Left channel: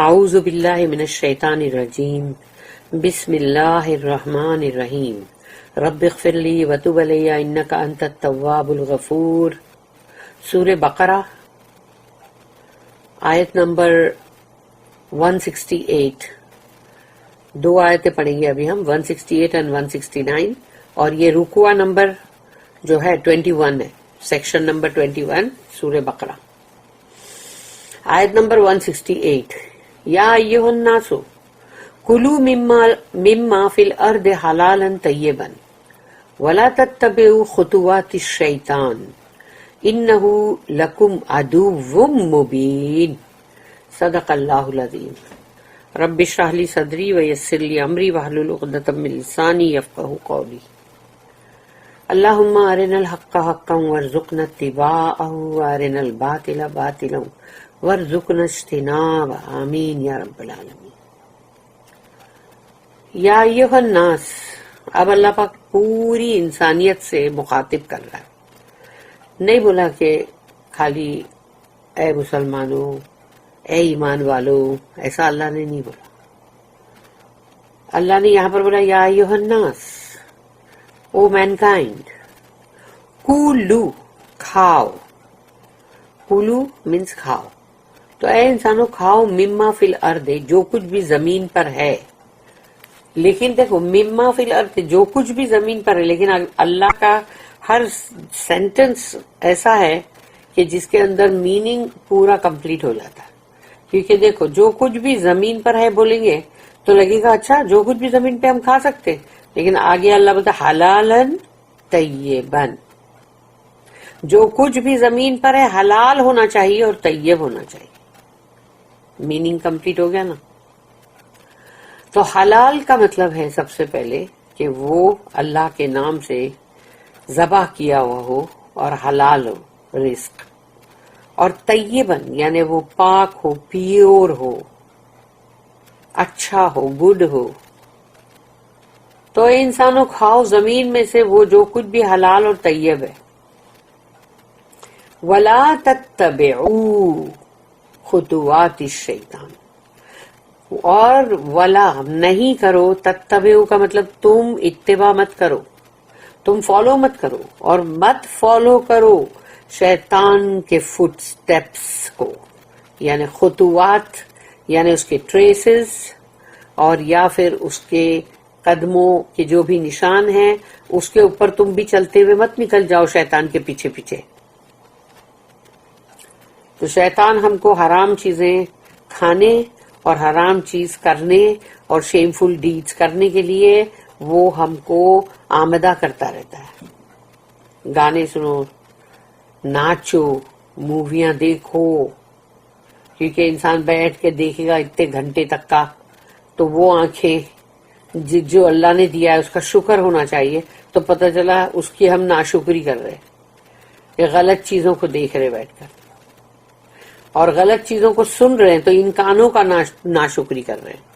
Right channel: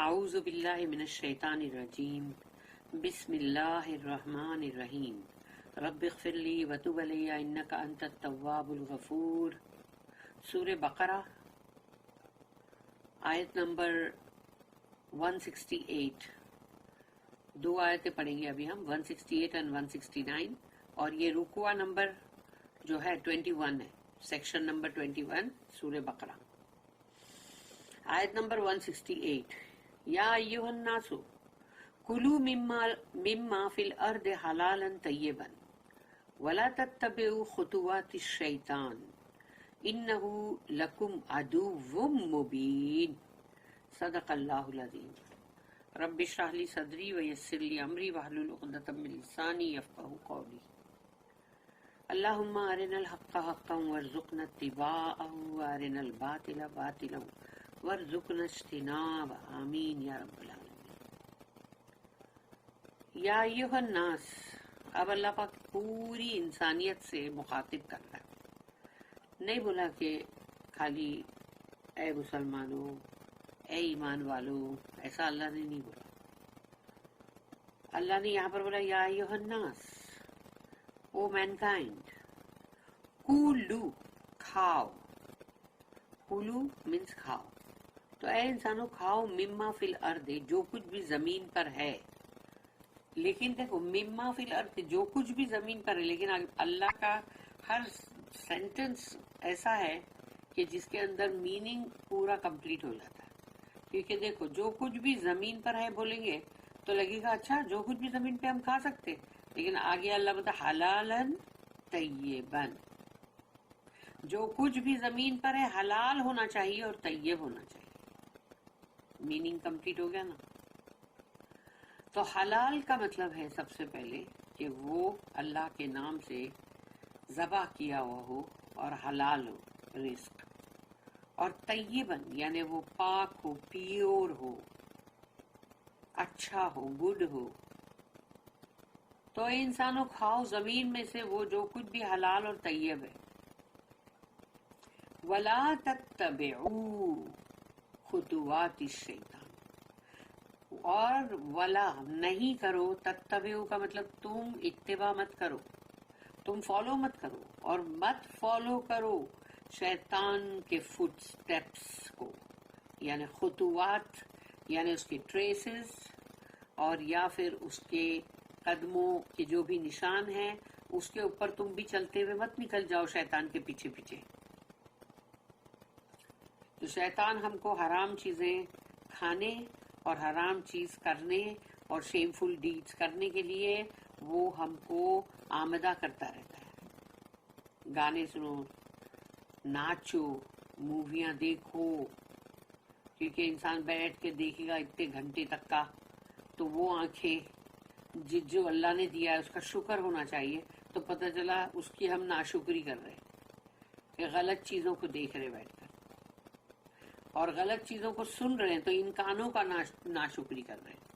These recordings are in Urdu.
اعوذ باللہ من الشیطان الرجیم بسم اللہ الرحمن الرحیم رب اغفر لی وتب علی انک انت التواب الغفور۔ سورہ بقرہ آیت نمبر 168، دو آیتیں پڑھیں گے ابھی ہم، 168 and 169، اور یہ رکوع نمبر جو ہے 21 ہے، سیکشن نمبر 21 سورہ بقرہ۔ آیت نمبر 168، یا ایھا الناس کلوا مما فی الارض حلالا طیبا ولا تتبعوا خطوات الشیطان انہ لکم عدو مبین۔ صدق اللہ العظیم۔ رب اشرح لی صدری ویسر لی امری واحلل عقدۃ من لسانی یفقہوا قولی۔ اللہم ارنا الحق حقا وارزقنا اتباعہ وارنا الباطل باطلا وارزقنا اجتنابہ، آمین یا رب العالمین۔ یا ایھا الناس، اب اللہ پاک پوری انسانیت سے مخاطب کر رہا ہے، نہیں بولا کہ خالی اے مسلمانوں، اے ایمان والو، ایسا اللہ نے نہیں بولا۔ اللہ نے یہاں پر بولا یا ایھا الناس، او مینکائنڈ، کولو، کھاؤ، کولو مینس کھاؤ، تو اے انسانوں کھاؤ، مما فی الارض، جو کچھ بھی زمین پر ہے۔ لیکن دیکھو مما فی الارض، جو کچھ بھی زمین پر ہے، لیکن اللہ کا ہر سینٹنس ایسا ہے کہ جس کے اندر میننگ پورا کمپلیٹ ہو جاتا ہے۔ کیونکہ دیکھو جو کچھ بھی زمین پر ہے بولیں گے تو لگے گا اچھا جو کچھ بھی زمین پہ ہم کھا سکتے، لیکن آگے اللہ بولتا حلالا طیبا، جو کچھ بھی زمین پر ہے حلال ہونا چاہیے اور طیب ہونا چاہیے۔ میننگ کمپلیٹ ہو گیا نا۔ تو حلال کا مطلب ہے سب سے پہلے کہ وہ اللہ کے نام سے ذبح کیا ہوا ہو اور حلال ہو رزق، اور طیباً یعنی وہ پاک ہو، پیور ہو، اچھا ہو، گڈ ہو۔ تو اے انسانوں کھاؤ زمین میں سے وہ جو کچھ بھی حلال اور طیب ہے۔ وَلَا تَتَّبِعُوا خُطُوَاتِ الشَّیطان، اور ولا نہیں کرو، تتبعوا کا مطلب تم اتباع مت کرو، تم فالو مت کرو، اور مت فالو کرو شیطان کے فٹ سٹیپس کو، یعنی خطوات یعنی اس کے ٹریسز، اور یا پھر اس کے قدموں کے جو بھی نشان ہیں اس کے اوپر تم بھی چلتے ہوئے مت نکل جاؤ شیطان کے پیچھے پیچھے۔ تو شیطان ہم کو حرام چیزیں کھانے اور حرام چیز کرنے اور شیمفل ڈیڈز کرنے کے لیے وہ ہم کو آمدہ کرتا رہتا ہے۔ گانے سنو، ناچو، موویاں دیکھو، کیونکہ انسان بیٹھ کے دیکھے گا اتنے گھنٹے تک کا تو وہ آنکھیں جو اللہ نے دیا ہے اس کا شکر ہونا چاہیے، تو پتہ چلا اس کی ہم ناشکری کر رہے کہ غلط چیزوں کو دیکھ رہے بیٹھ کر، اور غلط چیزوں کو سن رہے ہیں تو ان کانوں کا ناشکری کر رہے ہیں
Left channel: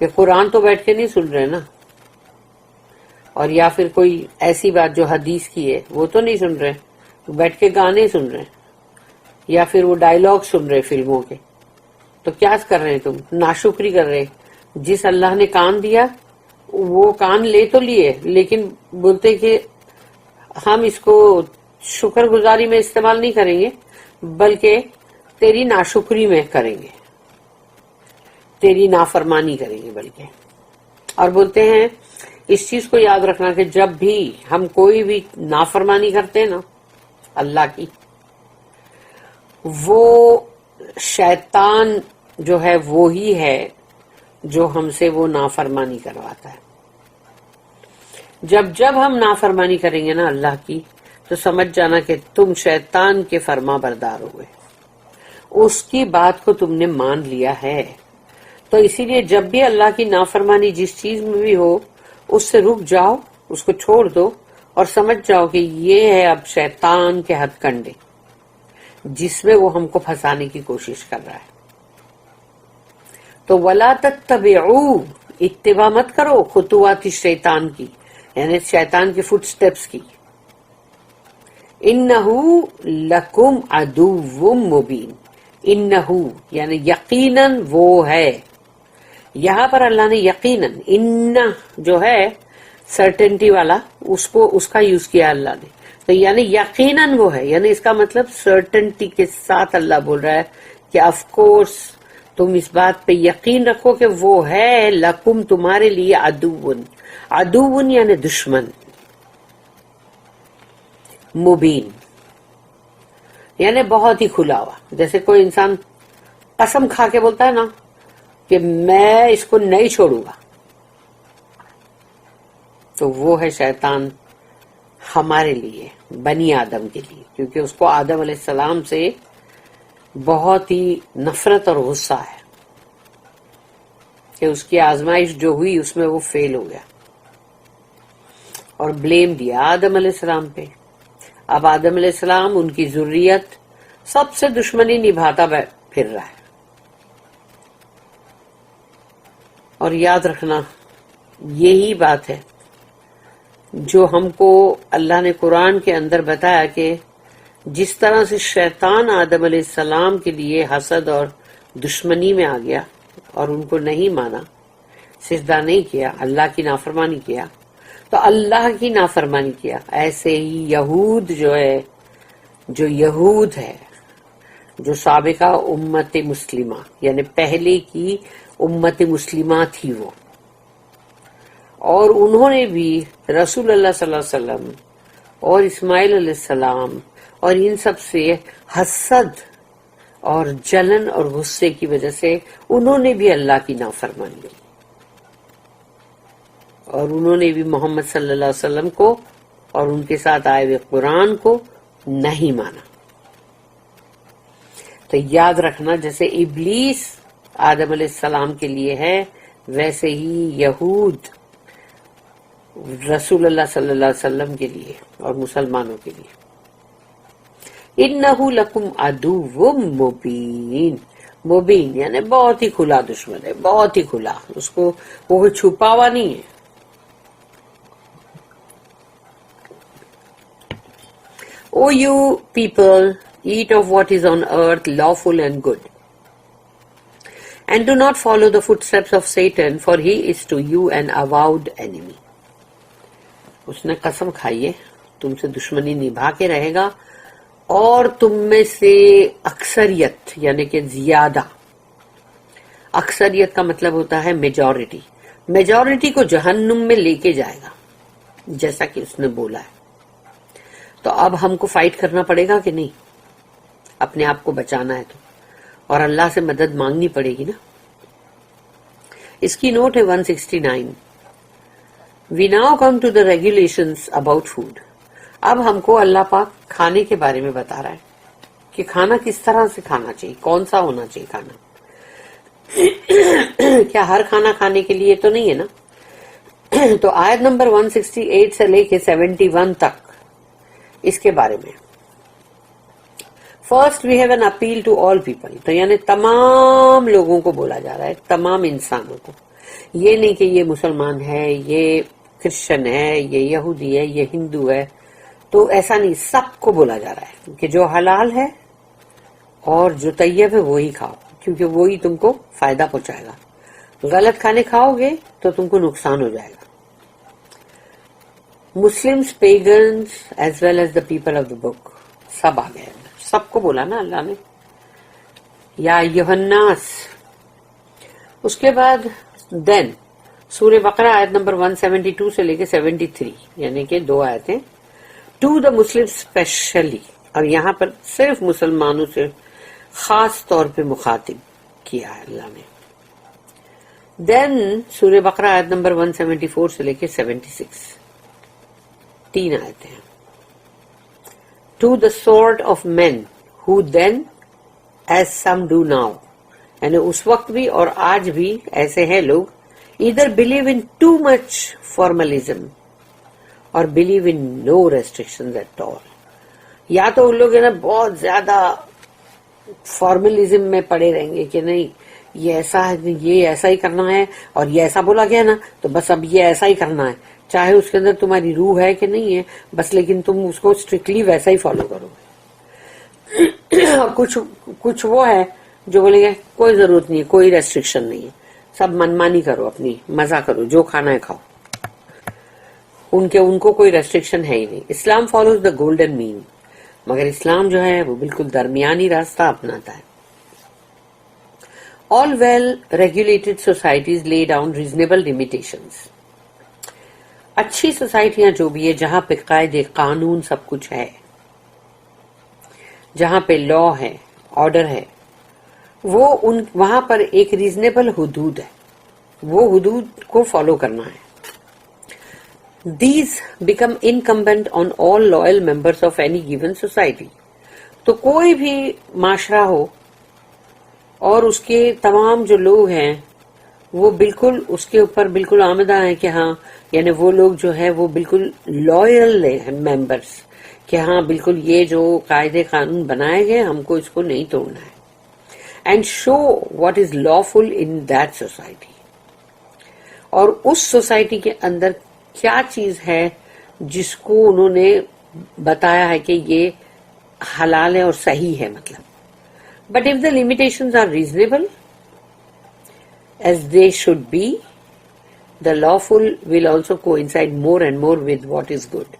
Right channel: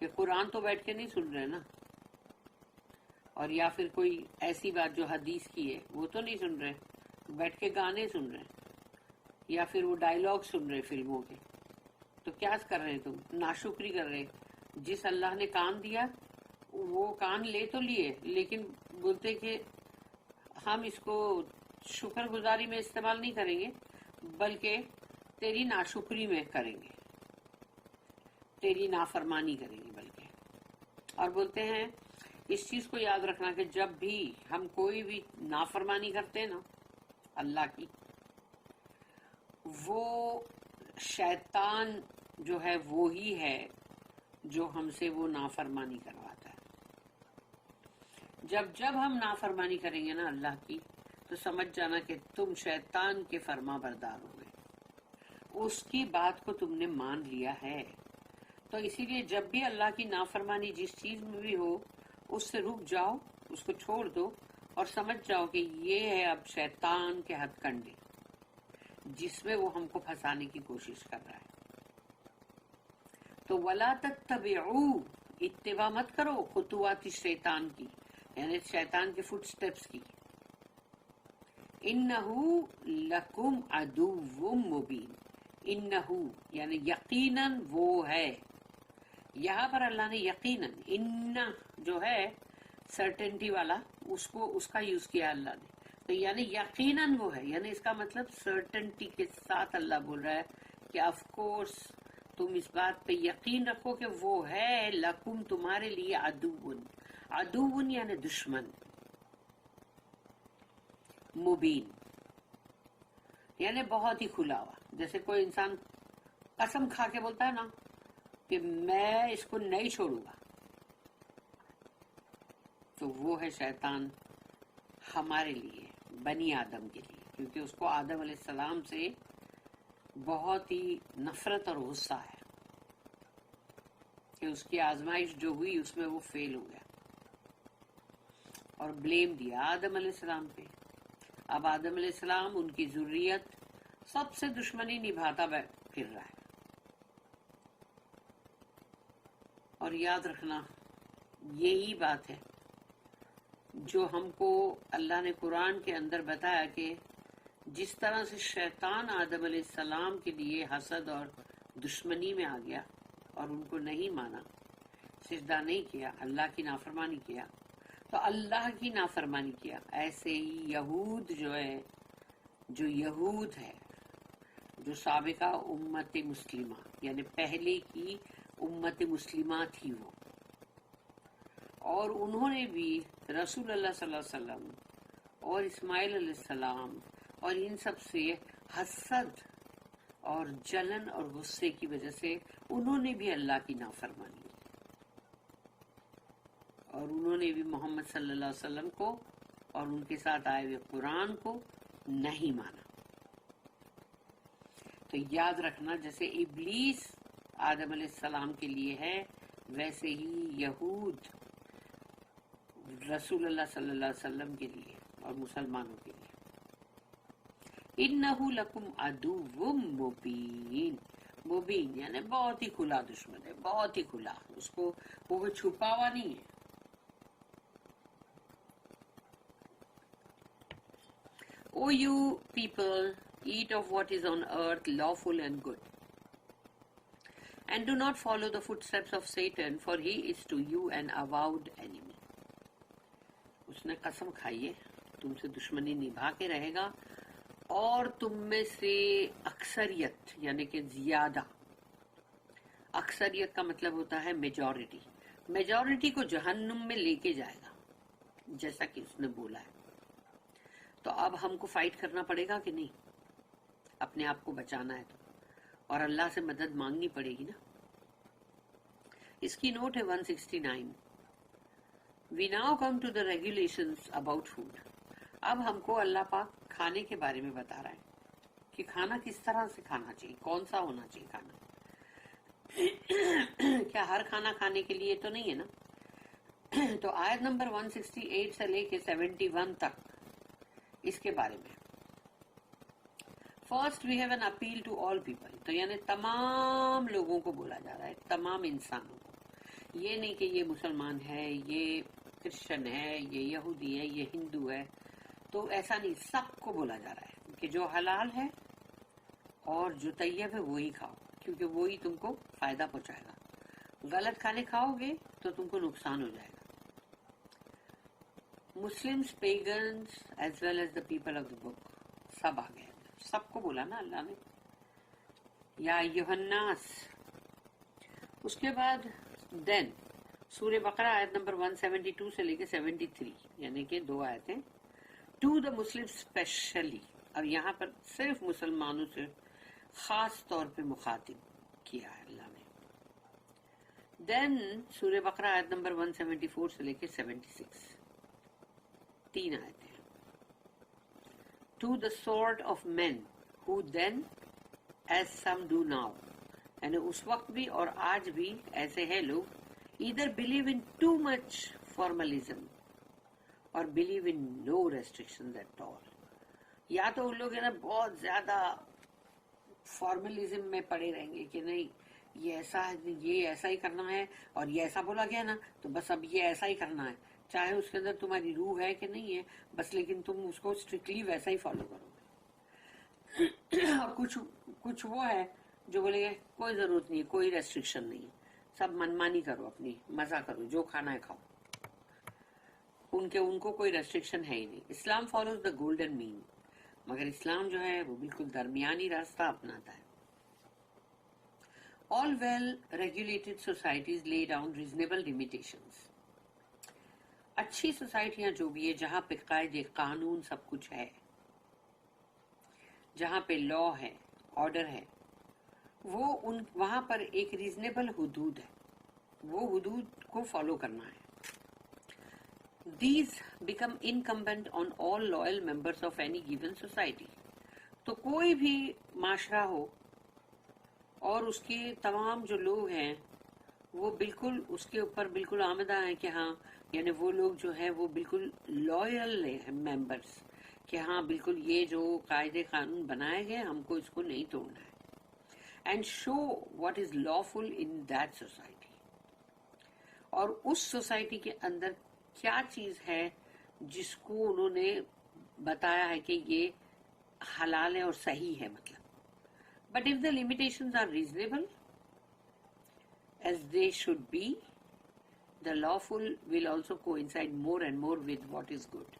کہ قرآن تو بیٹھ کے نہیں سن رہے نا، اور یا پھر کوئی ایسی بات جو حدیث کی ہے وہ تو نہیں سن رہے، بیٹھ کے گانے سن رہے ہیں، یا پھر وہ ڈائلاگ سن رہے فلموں کے، تو کیا کر رہے ہیں تم؟ ناشکری کر رہے۔ جس اللہ نے کان دیا وہ کان لے تو لیے، لیکن بولتے کہ ہم اس کو شکر گزاری میں استعمال نہیں کریں گے بلکہ تیری ناشکری میں کریں گے، تیری نافرمانی کریں گے بلکہ۔ اور بولتے ہیں اس چیز کو یاد رکھنا کہ جب بھی ہم کوئی بھی نافرمانی کرتے ہیں نا اللہ کی، وہ شیطان جو ہے وہی ہے جو ہم سے وہ نافرمانی کرواتا ہے۔ جب ہم نافرمانی کریں گے نا اللہ کی تو سمجھ جانا کہ تم شیطان کے فرما بردار ہوئے، اس کی بات کو تم نے مان لیا ہے۔ تو اسی لیے جب بھی اللہ کی نافرمانی جس چیز میں بھی ہو اس سے رک جاؤ، اس کو چھوڑ دو، اور سمجھ جاؤ کہ یہ ہے اب شیطان کے ہتھ کنڈے جس میں وہ ہم کو پھنسانے کی کوشش کر رہا ہے۔ تو وَلَا تَتَّبِعُوا، اتباع مت کرو خطوات الشیطان کی، یعنی شیطان کے فٹ سٹیپس کی۔ انہو لکم عدو مبین، انہو یعنی یقیناً وہ ہے. یہاں پر اللہ نے یقیناً ان جو ہے سرٹنٹی والا اس کا یوز کیا اللہ نے. تو یعنی یقیناً وہ ہے، یعنی اس کا مطلب سرٹنٹی کے ساتھ اللہ بول رہا ہے کہ آف کورس تم اس بات پہ یقین رکھو کہ وہ ہے لکم تمہارے لیے عدوون. عدوون یعنی دشمن، مبین یعنی بہت ہی کھلا ہوا. جیسے کوئی انسان قسم کھا کے بولتا ہے نا کہ میں اس کو نہیں چھوڑوں گا، تو وہ ہے شیطان ہمارے لیے، بنی آدم کے لیے، کیونکہ اس کو آدم علیہ السلام سے بہت ہی نفرت اور غصہ ہے کہ اس کی آزمائش جو ہوئی اس میں وہ فیل ہو گیا اور بلیم دیا آدم علیہ السلام پہ. اب آدم علیہ السلام ان کی ذریت سب سے دشمنی نبھاتا پھر رہا ہے. اور یاد رکھنا یہی بات ہے جو ہم کو اللہ نے قرآن کے اندر بتایا کہ جس طرح سے شیطان آدم علیہ السلام کے لیے حسد اور دشمنی میں آ گیا اور ان کو نہیں مانا، سجدہ نہیں کیا، اللہ کی نافرمانی کیا، تو اللہ کی نافرمانی کیا، ایسے ہی یہود جو یہود ہے، جو سابقہ امت مسلمہ یعنی پہلے کی امت مسلمہ تھی وہ، اور انہوں نے بھی رسول اللہ صلی اللہ علیہ وسلم اور اسماعیل علیہ السلام اور ان سب سے حسد اور جلن اور غصے کی وجہ سے انہوں نے بھی اللہ کی نافرمانی کی اور انہوں نے بھی محمد صلی اللہ علیہ وسلم کو اور ان کے ساتھ آئے ہوئے قرآن کو نہیں مانا. تو یاد رکھنا جیسے ابلیس آدم علیہ السلام کے لیے ہے، ویسے ہی یہود رسول اللہ صلی اللہ علیہ وسلم کے لیے اور مسلمانوں کے لیے. انہو لکم عدو مبین، مبین یعنی بہت ہی کھلا دشمن ہے، بہت ہی کھلا، اس کو وہ چھپا ہوا نہیں ہے. O you people, eat of what is on earth lawful and good, and do not follow the footsteps of Satan, for he is to you an avowed enemy. اس نے قسم کھائی ہے تم سے دشمنی نبھا کے رہے گا، اور تم میں سے اکثریت یعنی کہ زیادہ، اکثریت کا مطلب ہوتا ہے میجورٹی، میجورٹی کو جہنم میں لے کے جائے گا جیسا کہ اس نے بولا ہے. تو اب ہم کو فائٹ کرنا پڑے گا کہ نہیں؟ اپنے آپ کو بچانا ہے تو، اور اللہ سے مدد مانگنی پڑے گی نا. اس کی نوٹ ہے 169. We now come to the regulations about food. اب ہم کو اللہ پاک کھانے کے بارے میں بتا رہا ہے کہ کھانا کس طرح سے کھانا چاہیے، کون سا ہونا چاہیے کھانا. کیا ہر کھانا کھانے کے لیے تو نہیں ہے نا. تو آیت نمبر 168 سے لے کے 71 تک اس کے بارے میں. First we have an appeal to all people, تو یعنی تمام لوگوں کو بولا جا رہا ہے، تمام انسانوں کو. یہ نہیں کہ یہ مسلمان ہے، یہ کرسچن ہے، یہ یہودی ہے، یہ ہندو ہے، تو ایسا نہیں، سب کو بولا جا رہا ہے کہ جو حلال ہے اور جو طیب ہے وہی کھاؤ، کیونکہ وہی تم کو فائدہ پہنچائے گا. غلط کھانے کھاؤ گے تو تم کو نقصان ہو جائے گا. Muslims, pagans as well as the people of the book, سب آ گئے، سب کو بولا نا اللہ نے، یا ایھا الناس. اس کے بعد دین سورہ بقرہ آیت نمبر 172 سے لے کے 73 یعنی کہ 2 آیتیں، ٹو دا مسلم اسپیشلی، اور یہاں پر صرف مسلمانوں سے خاص طور پہ مخاطب کیا ہے اللہ نے. دین سورہ بقرہ آیت نمبر 174 سے لے کے 76، 3 آیتیں. To the sort of man who then as some do now, یعنی اس وقت بھی اور آج بھی ایسے ہیں لوگ، ادھر believe in too much formalism اور believe in no restrictions at all. یا تو ان لوگ ہے نا بہت زیادہ فارملزم میں پڑے رہیں گے کہ نہیں یہ ایسا ہے، یہ ایسا ہی کرنا ہے، اور یہ ایسا بولا گیا نا تو بس اب یہ ایسا ہی کرنا ہے، چاہے اس کے اندر تمہاری روح ہے کہ نہیں ہے، بس لیکن تم اس کو اسٹرکٹلی ویسا ہی فالو کرو. کچھ وہ ہے جو بولیں گے کوئی ضرورت نہیں ہے, کوئی ریسٹرکشن نہیں ہے, سب منمانی کرو, اپنی مزہ کرو, جو کھانا ہے کھاؤ, ان کو کوئی ریسٹرکشن ہے ہی نہیں. اسلام فالوز دا گولڈن مین, مگر اسلام جو ہے وہ بالکل درمیانی راستہ اپناتا ہے. All well-regulated societies lay down reasonable limitations. اچھی سوسائٹیاں جو بھی ہے جہاں پہ قاعدے قانون سب کچھ ہے, جہاں پہ لا ہے, آرڈر ہے, وہاں پر ایک ریزنیبل حدود ہے, وہ حدود کو فالو کرنا ہے. These become incumbent on all loyal members of any given society. تو کوئی بھی معاشرہ ہو اور اس کے تمام جو لوگ ہیں وہ بالکل اس کے اوپر بالکل آمدہ ہیں کہ ہاں, یعنی وہ لوگ جو ہے وہ بالکل لوئل ممبرس, کہ ہاں بالکل یہ جو قاعدے قانون بنائے گئے ہم کو اس کو نہیں توڑنا ہے. And show what is lawful in that society. اور اس سوسائٹی کے اندر کیا چیز ہے جس کو انہوں نے بتایا ہے کہ یہ حلال ہے اور صحیح ہے مطلب. But if the limitations are reasonable, as they should be, the lawful will also coincide more and more with what is good.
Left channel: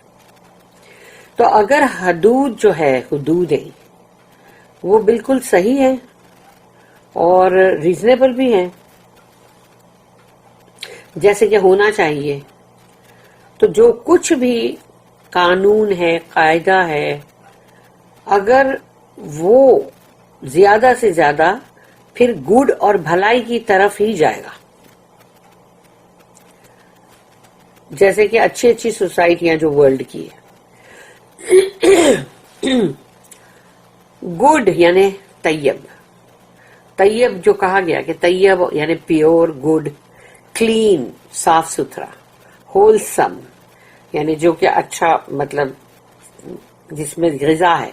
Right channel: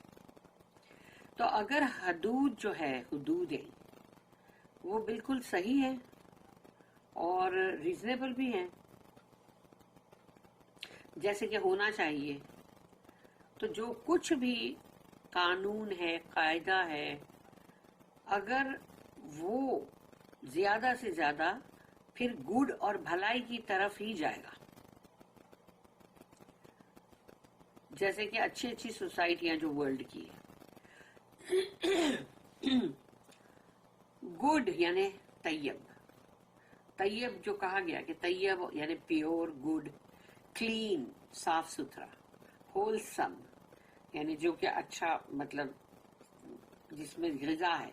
تو اگر حدود جو ہے, حدودیں وہ بالکل صحیح ہے اور ریزنیبل بھی ہیں جیسے کہ ہونا چاہیے, تو جو کچھ بھی قانون ہے, قاعدہ ہے, اگر وہ زیادہ سے زیادہ پھر گڈ اور بھلائی کی طرف ہی جائے گا. جیسے کہ اچھی اچھی سوسائٹیاں جو ورلڈ کی ہے, گڈ یعنی طیب, طیب جو کہا گیا کہ طیب یعنی پیور, گڈ, کلین صاف ستھرا, ہولسم یعنی جو کہ اچھا مطلب جس میں غذا ہے,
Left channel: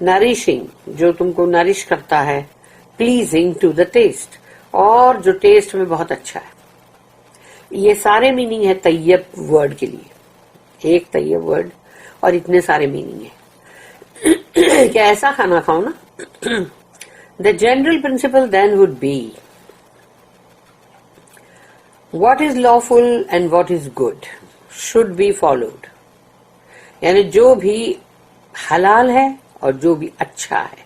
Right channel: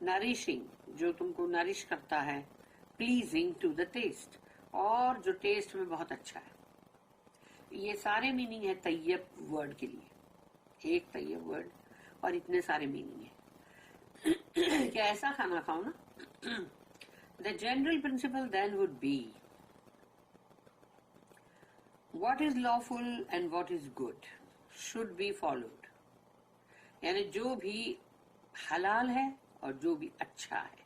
نریشنگ جو تم کو نرش کرتا ہے, پلیزنگ ٹو دا ٹیسٹ اور جو ٹیسٹ میں بہت اچھا ہے. یہ سارے میننگ ہے طیب ورڈ کے لیے, ایک طیب ورڈ اور اتنے سارے میننگ ہے کہ ایسا کھانا کھاؤ نا. The general principle then would be what is lawful and what is good should be followed. یعنی جو بھی حلال ہے اور جو بھی اچھا ہے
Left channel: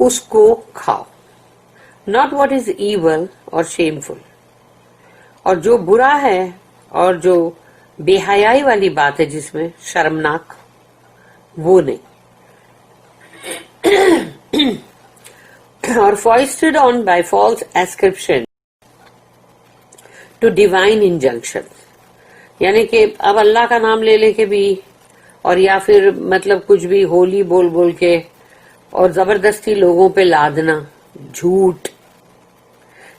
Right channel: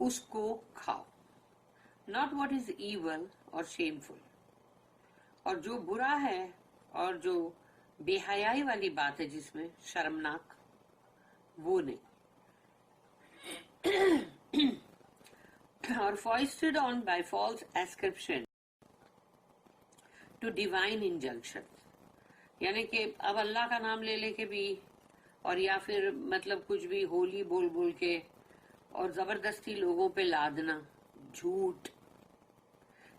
اس کو کھاؤ, ناٹ واٹ از ایول اور شیمفل. اور جو برا ہے اور جو بے حیائی والی بات ہے جس میں شرمناک, وہ نہیں. اور foisted on by false ascription to divine injunction, یعنی کہ اب اللہ کا نام لے لے کے بھی اور یا پھر مطلب کچھ بھی ہولی بول بول کے اور زبردستی لوگوں پہ لادنا, جھوٹ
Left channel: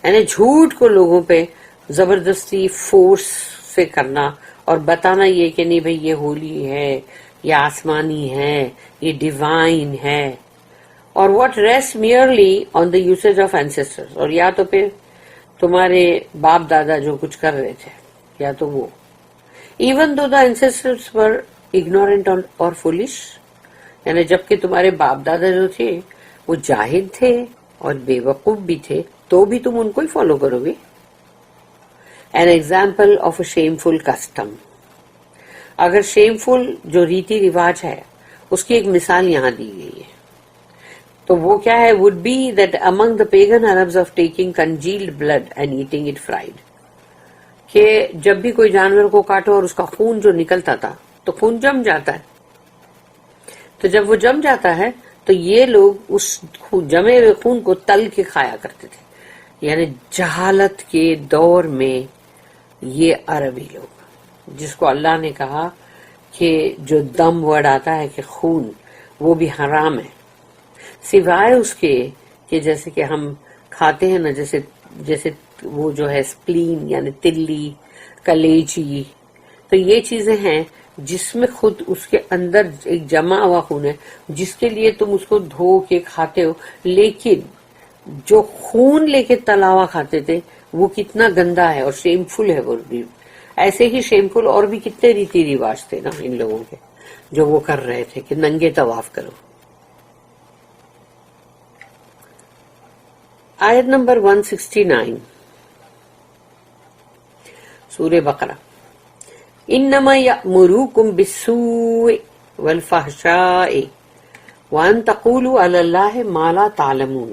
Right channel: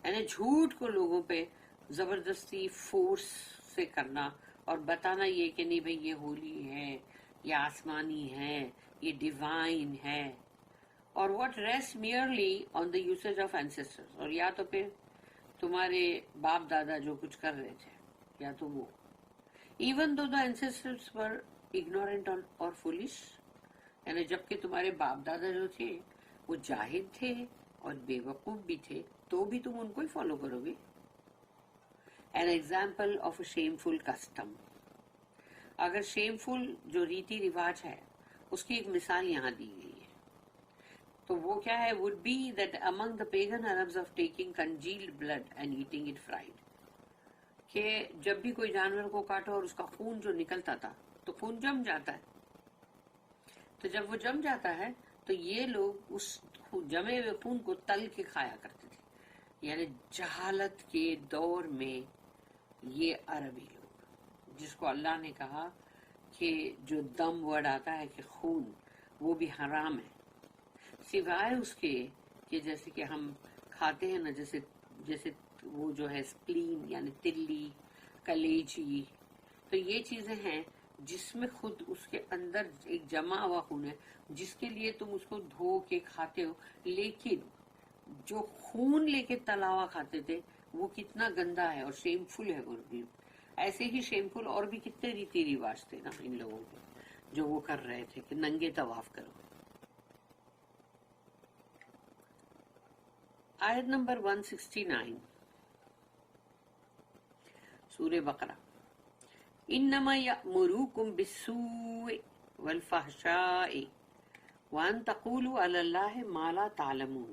یعنی جھوٹ کو لوگوں پہ زبردستی فورس سے کرنا اور بتانا یہ کہ نہیں بھئی یہ ہولی ہے, یہ آسمانی ہے, یہ ڈیوائن ہے. اور what rest merely on the usage of ancestors, اور یا تو پھر تمہارے باپ دادا جو کچھ کر رہے تھے یا تو وہ, ایون دو دا اینسیسٹرز ور ignorant اور foolish, یعنی جبکہ تمہارے باپ دادا جو تھے وہ جاہل تھے اور بے وقوف بھی تھے, تو بھی تم ان کو ہی فالو کرو گے. An example of a shameful custom. اگر shameful جو ریتی رواج ہے اس کی ایک مثال یہاں دی گئی ہے, تو وہ کیا ہے, would be that among the pagan Arabs of taking congealed blood and eating it fried. کہ جب بھی کوئی جانور کو کاٹو اور اس کا خون جو نکلتا تھا تو خون جم جاتا ہے, تو جب وہ جم جاتا ہے تو یہ لوگ اس جمے ہوئے خون کو تل کے کھایا کرتے تھے. یعنی جہالت کے دور میں یہ عربی لوگ, جس کو اللہ نے کہا کہ جو دم ورڈ آتا ہے کہ خون, وہ بھی حرام ہے, سوائے اس کے کہ جیسے کہ ہم کھاتے ہیں نا, جیسے وہ جو ہے سپلین یعنی تلی, کلیجی, تو یہ چیزیں ہیں جس میں خود اس کے اندر ایک جمع ہوا خون ہے جس کے لیے تم اس کو دھو کے کھاتے ہو. لیکن جو خون لے کے تلاوا کھاتے تھے وہ کتنا گندا ہے اور شیمفل ہے. وہ بھی ایسے ہی شیمفل اور بھی کتنے ریتی رواج تھے نا ان لوگوں کے جو وہ کر رہے تھے کہ ننگے طواف کرو. آیت نمبر 169 سورہ بقرہ. انما یأمرکم بالسوء والفحشاء وان تقولوا علی اللہ ما لا تعلمون.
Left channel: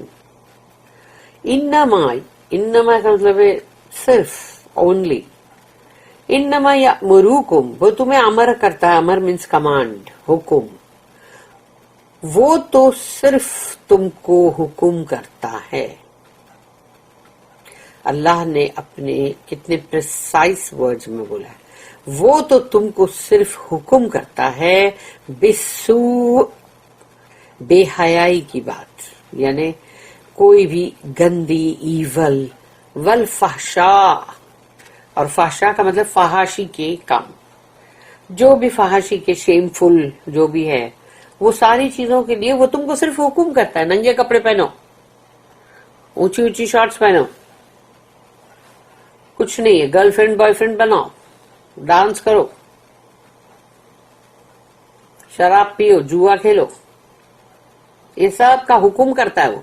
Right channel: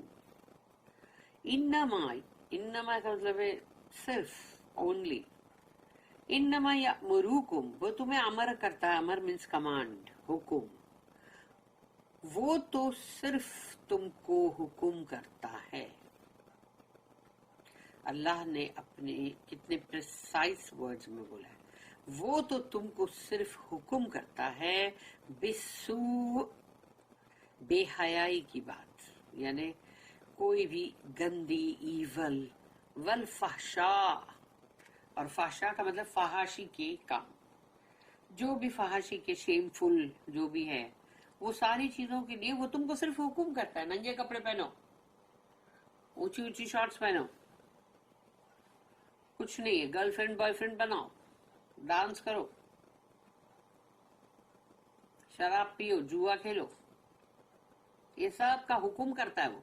انما کا مطلب ہے صرف، اونلی. انما یأمرکم، وہ تمہیں امر کرتا ہے. امر مینس کمانڈ، حکم. وہ تو صرف تم کو حکم کرتا ہے. اللہ نے اپنے کتنے پریسائز ورڈز میں بولا ہے. وہ تو تم کو صرف حکم کرتا ہے بالسوء، بے حیائی کی بات، یعنی کوئی بھی گندی، ایول. والفحشاء، اور فحشاء کا مطلب فحاشی کے کام، جو بھی فحاشی کے شیم فل جو بھی ہے، وہ ساری چیزوں کے لیے وہ تم کو صرف حکم کرتا ہے. ننگے کپڑے پہنو، اونچی اونچی شارٹس پہنو، کچھ نہیں ہے. گرل فرینڈ بوائے فرینڈ بناؤ، ڈانس کرو، شراب پیو، جوا کھیلو، یہ سب کا حکم کرتا ہے وہ.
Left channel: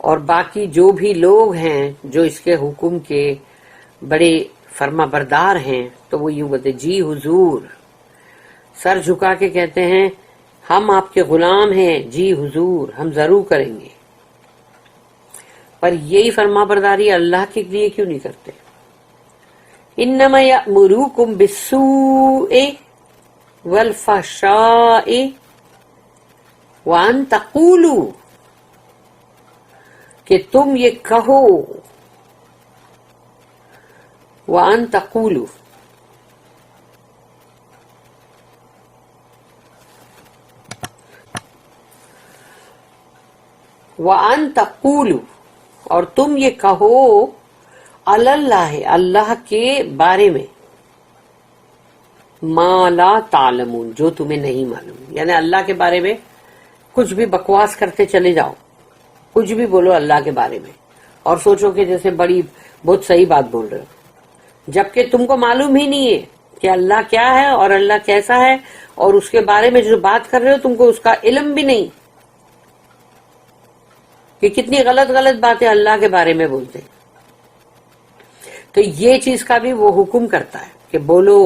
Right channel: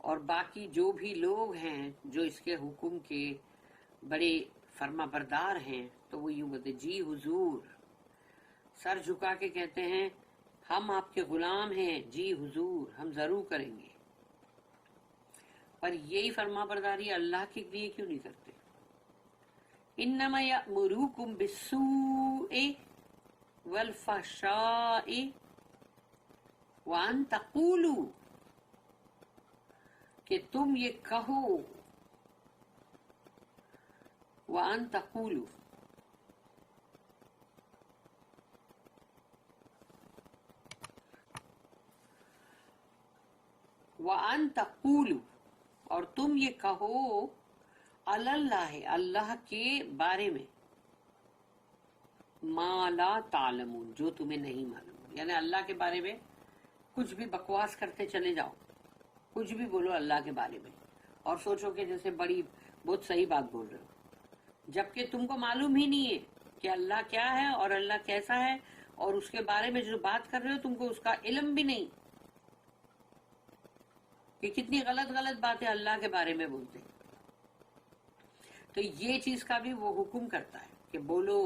اور باقی جو بھی لوگ ہیں جو اس کے حکم کے بڑے فرما بردار ہیں، تو وہ یوں بولتے جی حضور، سر جھکا کے کہتے ہیں ہم آپ کے غلام ہیں، جی حضور ہم ضرور کریں گے. پر یہی فرما برداری اللہ کے لیے کیوں نہیں کرتے؟ انما یأمرکم بالسوء والفحشاء وان تقولوا، کہ تم یہ کہو. وان تقولوا، وان تقولوا، اور تم یہ کہو علی اللہ، اللہ کے بارے میں، ما لا تعلمون، جو تمہیں نہیں معلوم. یعنی اللہ کے بارے میں کچھ بھی بکواس کرتے چلے جاؤ، کچھ بھی بولو اللہ کے بارے میں، اور سوچو کہ جیسے بہت صحیح بات بول رہے ہو، جبکہ تم کو معلوم ہی نہیں ہے کہ اللہ کیا ہے اور اللہ کیسا ہے، اور اس کے بارے میں جو بات کر رہے ہو تم کو اس کا علم بھی نہیں کہ کتنی غلط غلط باتیں اللہ کے بارے میں بولتے. تو یہ چیز کا بھی وہ حکم کرتا ہے کہ بولو،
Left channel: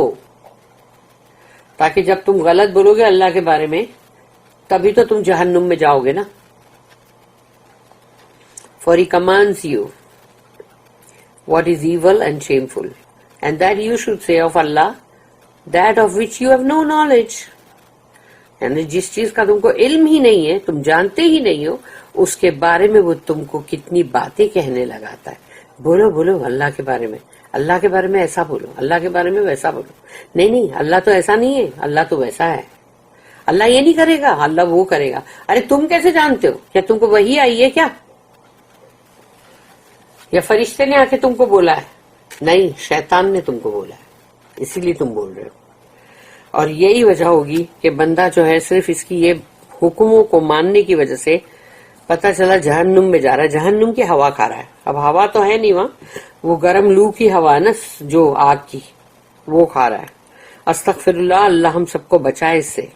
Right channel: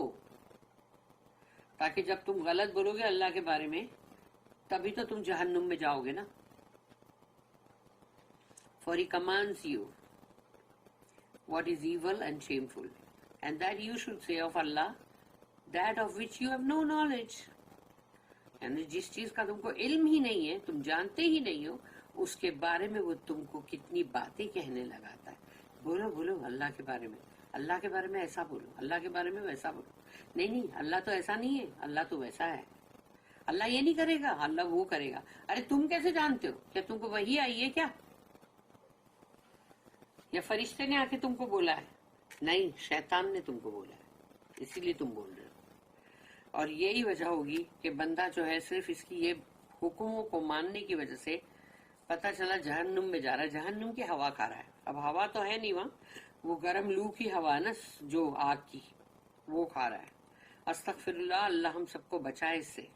تاکہ جب تم غلط بولو گے اللہ کے بارے میں تبھی تو تم جہنم میں جاؤ گے نا. For he commands you what is evil and shameful, and that you should say of Allah that of which you have no knowledge. یعنی جس چیز کا تم کو علم ہی نہیں ہے، تم جانتے ہی نہیں ہو، اس کے بارے میں وہ تم کو کتنی باتیں کہنے لگاتا ہے. بولو بولو اللہ کے بارے میں، اللہ کے بارے میں ایسا بولو، اللہ کے بارے میں ویسا بولو. نہیں اللہ تو ایسا نہیں ہے، اللہ تو ویسا ہے، اللہ یہ نہیں کرے گا، اللہ وہ کرے گا. ارے تم کیسے جانتے ہو؟ کیا تم کو وہی آئی ہے کیا؟ یا فرشتے نے آ کے تم کو بولا ہے؟ نہیں، شیطان نے تم کو بولا ہے، اسی لیے تم بول رہے ہو. اور یہی وجہ ہوگی کہ بندہ جو ہے صرف اس کی یہ حکموں کو ماننے کی وجہ سے پتہ چلا جہنم میں جا رہا ہے، جہنم کی ہوا کھا رہا ہے. اب ہوا تو ہے نہیں وہاں، وہ گرم لو کی ہوا ہے نا، جو آگ کی، وہ کھا رہا ہے. استغفر اللہ، اللہ ہم سب کو بچائے اس سے.